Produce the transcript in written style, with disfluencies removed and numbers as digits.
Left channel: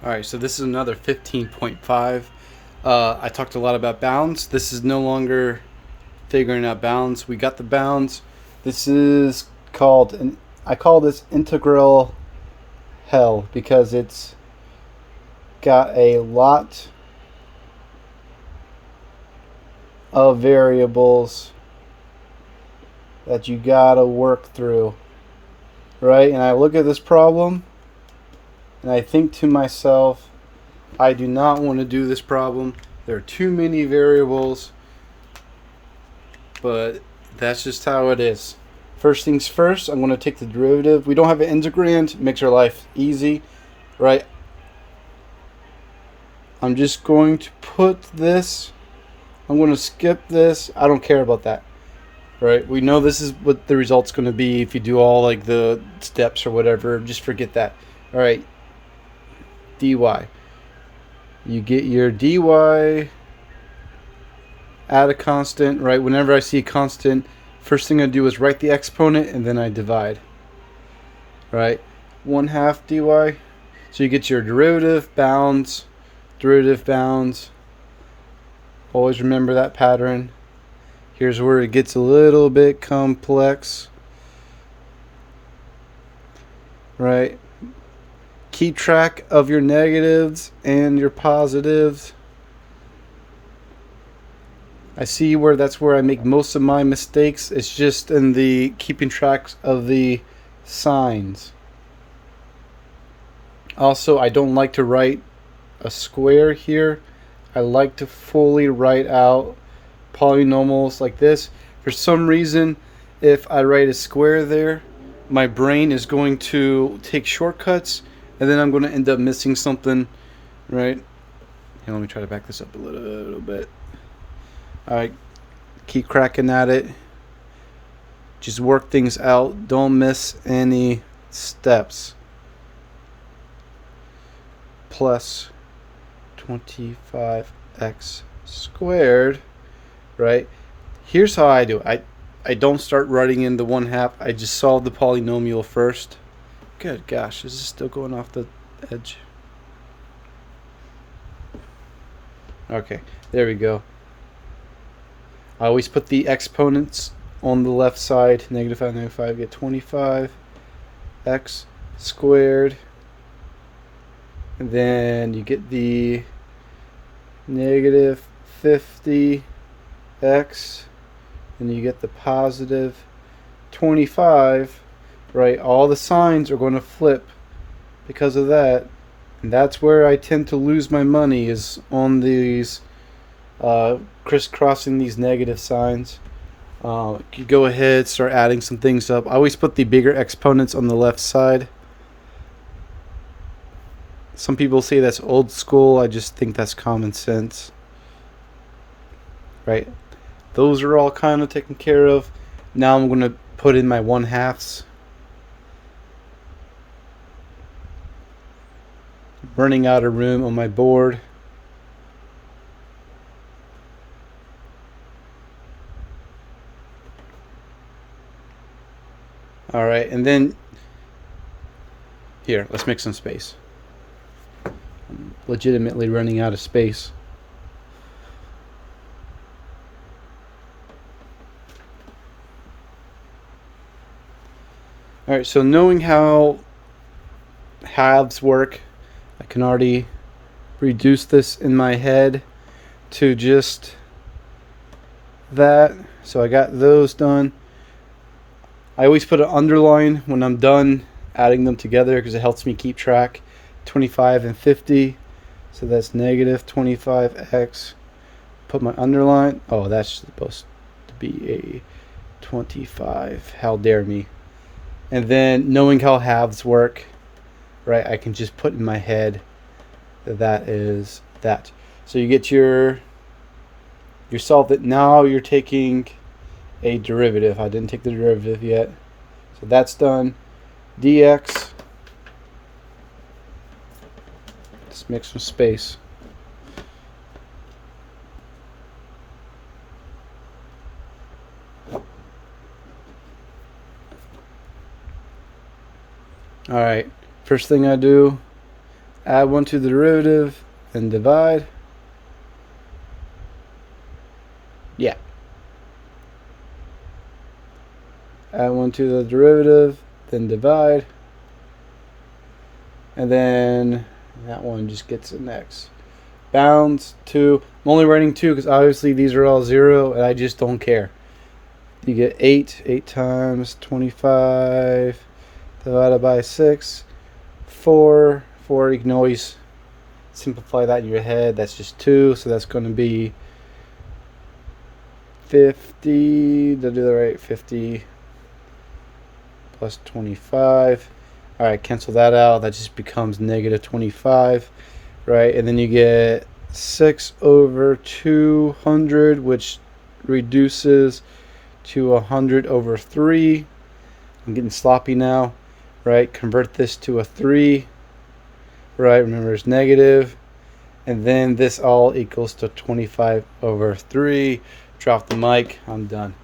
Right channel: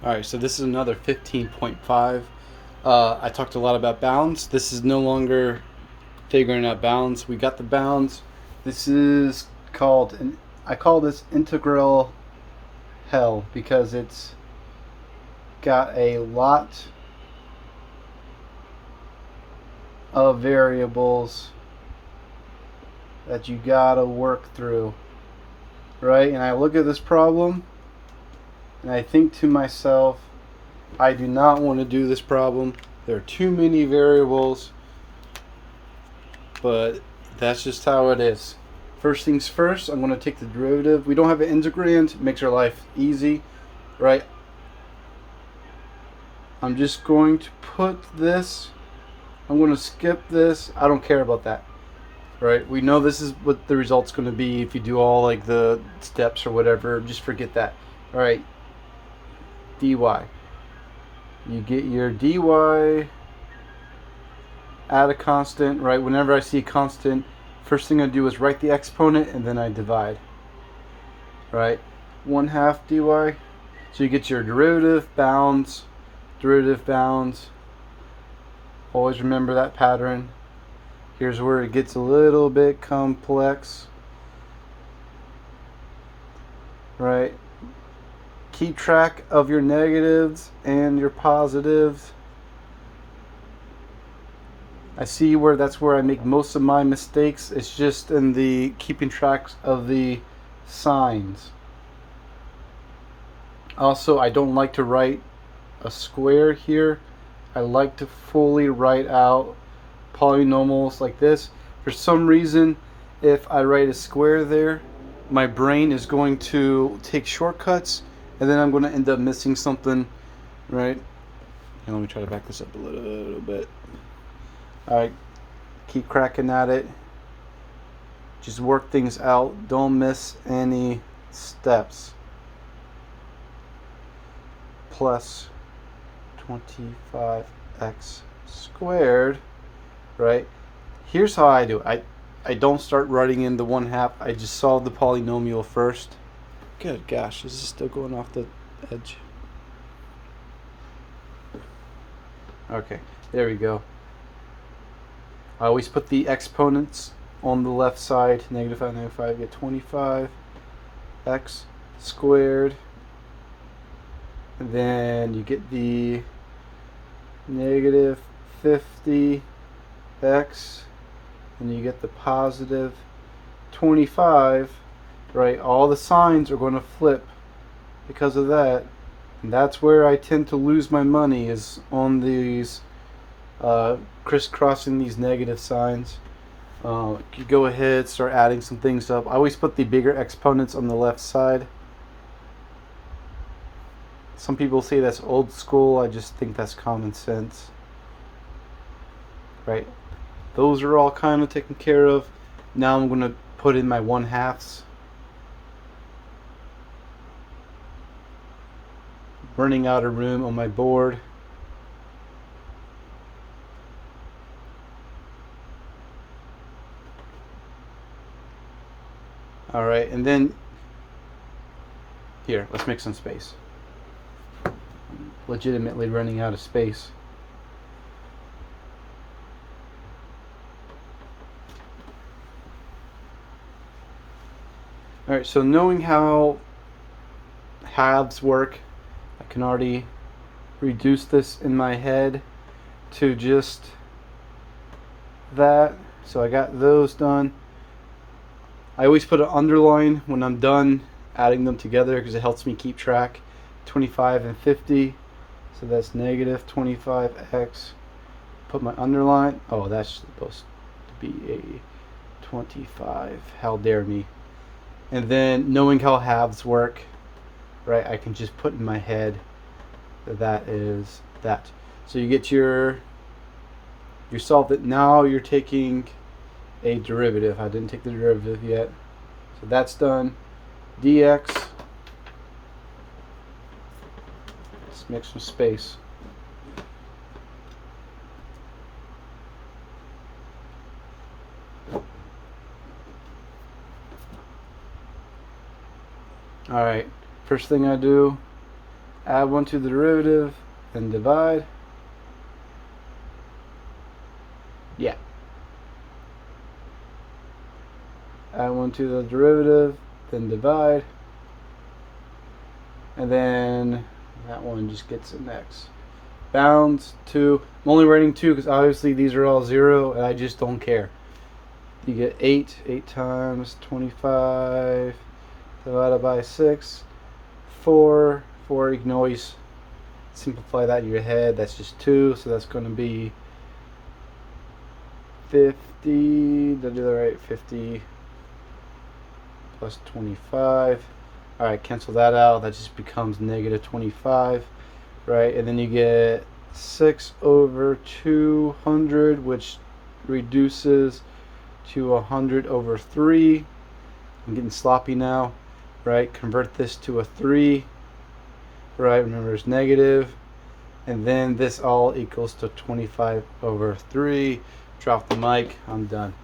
All right, so this is another 15.5. I talked a lot about bounds. This is no longer figuring out bounds. We got the bounds. This is I call this integral hell because it's got a lot of variables that you gotta work through, right? And I look at this problem and I think to myself, I do not want to do this problem. There are too many variables, but that's just how it is. First things first, I'm going to take the derivative. We don't have an integrand, it makes our life easy, right? I'm just going to put this, I'm going to skip this. I don't care about that, right? We know this is what the result's going to be if you do all like the steps or whatever. Just forget that. All right, dy. You get your dy add a constant, right? Whenever I see a constant, first thing I do is write the exponent and then I divide, right? 1/2 dy. So you get your derivative, bounds, derivative, bounds. Always remember that pattern. Here's where it gets a little bit complex, right? Keep track of your negatives and your positives. I see where that's where I make most of my mistakes. It's just in the keeping track of the signs. Also, I don't like to write a square here. I like to fully write out polynomials like this. For some reason, if I write a square there, my brain is going to take shortcuts and then I'm going to end up missing something, right? Here, let me try to back this up a little bit. All right, keep cracking at it. Just work things out. Don't miss any steps. Plus 25x squared, right? Here's how I do it. I don't start writing in the 1/2. I just solve the polynomial first. Good gosh, this is still going off the edge. Okay, there we go. I always put the exponents on the left side. -5, -5, get 25x squared. And then you get the -50x. And you get the positive 25. Right? All the signs are going to flip because of that. And that's where I tend to lose my money, is on these crisscrossing these negative signs. You go ahead, start adding some things up. I always put the bigger exponents on the left side. Some people say that's old school. I just think that's common sense. Right? Those are all kind of taken care of. Now I'm going to put in my 1/2s. Running out of room on my board. All right, and then here, let's make some space. I'm legitimately running out of space. All right, so knowing how halves work, I can already reduce this in my head to just that. So I got those done. I always put an underline when I'm done adding them together because it helps me keep track. 25 and 50. So that's -25x. Put my underline. Oh, that's supposed to be a 25. How dare me. And then knowing how halves work, right, I can just put in my head that is that. So you get your solved it. Now you're taking a derivative. I didn't take the derivative yet. So that's done. Dx. Let's make some space. Alright, first thing I do, Add 1 to the derivative, then divide. Yeah. Add 1 to the derivative, then divide. And then that one just gets an x. Bounds 2. I'm only writing 2 because obviously these are all 0 and I just don't care. You get 8. 8 times 25 divided by 6. 4. 4. You can always simplify that in your head. That's just 2. So that's going to be 50. Did I do that right? 50 plus 25. Alright, cancel that out. That just becomes negative 25. Right? And then you get 6 over 200, which reduces to 100 over 3. I'm getting sloppy now. Right? Convert this to a 3. Right? Remember, it's negative. And then this all equals to 25 over 3. Drop the mic. I'm done.